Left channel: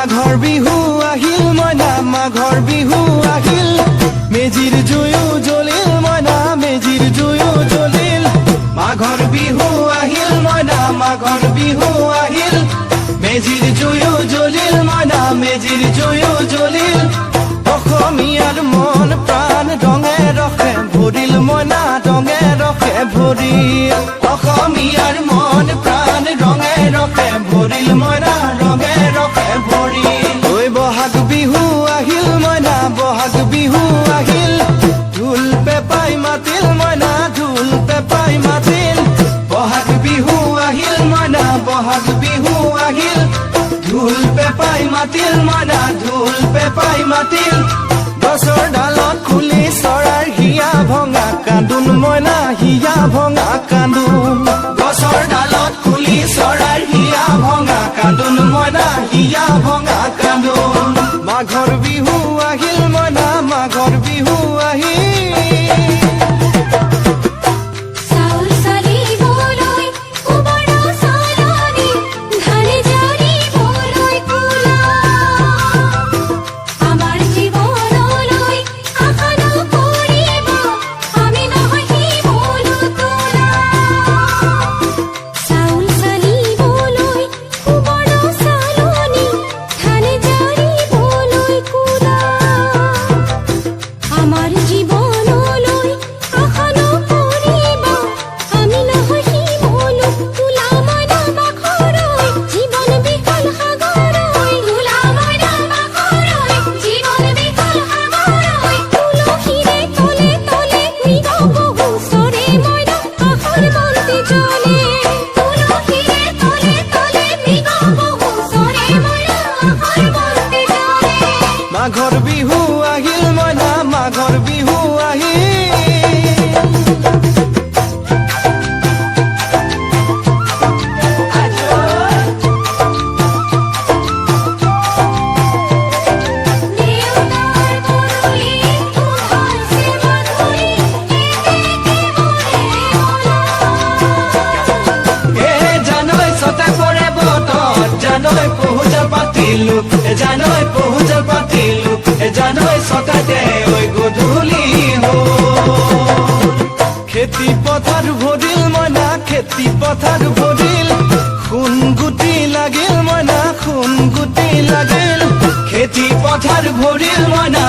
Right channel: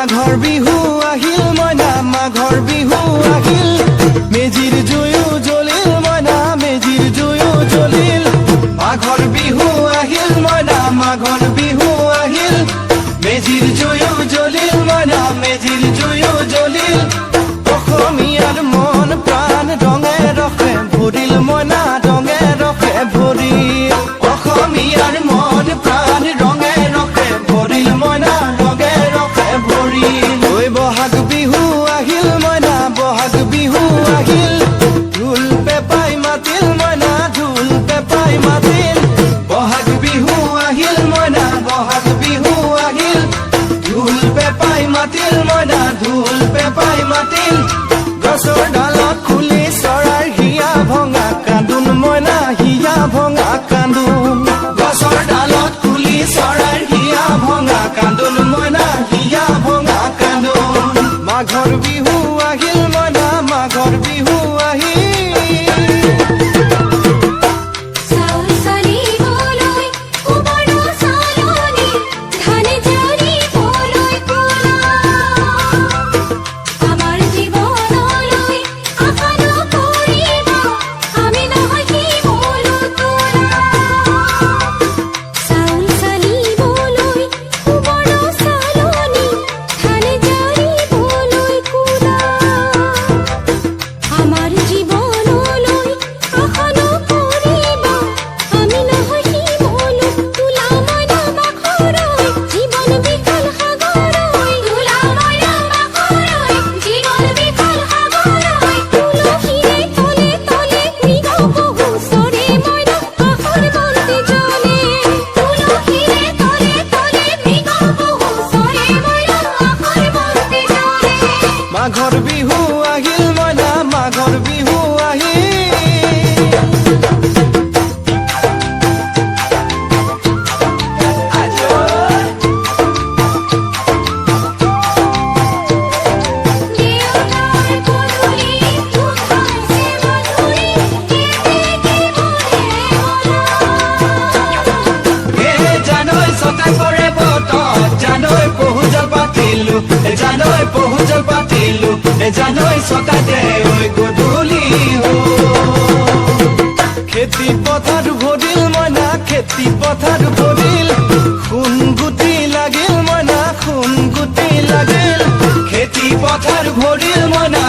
মাঘৰ বিহু আহিল মইনা মাঘৰ বিহু আহিল মেজিৰ জুয়ো জ্বলিল মইনা মেজিৰ জুয়ো জ্বলিল মাঘৰ বিহু আহিল মইনা মাঘৰ বিহু আহিল মেজিৰ জুয়ো জ্বলিল মইনা মেজিৰ জুয়ো জ্বলিল অসমীয়াৰ মন প্ৰাণ ৰঙে ৰখে ভৰিল মইনা ৰঙে ৰখে ভৰিল অসমীয়াৰ মন প্ৰাণ ৰঙে ৰখে ভৰিল মইনা ৰঙে ৰখে ভৰিল ঐ বহাগ বিহু আহিল মইনা বহাগ বিহু আহিল ঢোল পেপাই মাতিল মইনা ঢোল পেপাই মাতিল বহাগ বিহু আহিল মইনা বহাগ বিহু আহিল ঢোল পেপাই মাতিল মইনা ঢোল পেপাই মাতিল গছৰ ডালত খুলি চৰাৰ হিয়া ভঙা কান্দোন মইনা হিয়া ভঙা কান্দোন গছৰ ডালত খুলি চৰাৰ হিয়া ভঙা কান্দোন মইনা হিয়া ভঙা কান্দোন মাঘৰ বিহু আহিল মইনা মাঘৰ বিহু আহিল মাঘৰ বিহু আহিল মইনা মাঘৰ বিহু জানৈ পহুজ পাতিলো জানৈ সকাতে ঐ গধূলি খেতি পথাৰ ভৰিল মইনা খেতি পথাৰ ভৰিল সোণ গুটি লাগিল মইনা সোণ গুটি লাগিল খেতি পথাৰ ভৰিল মইনা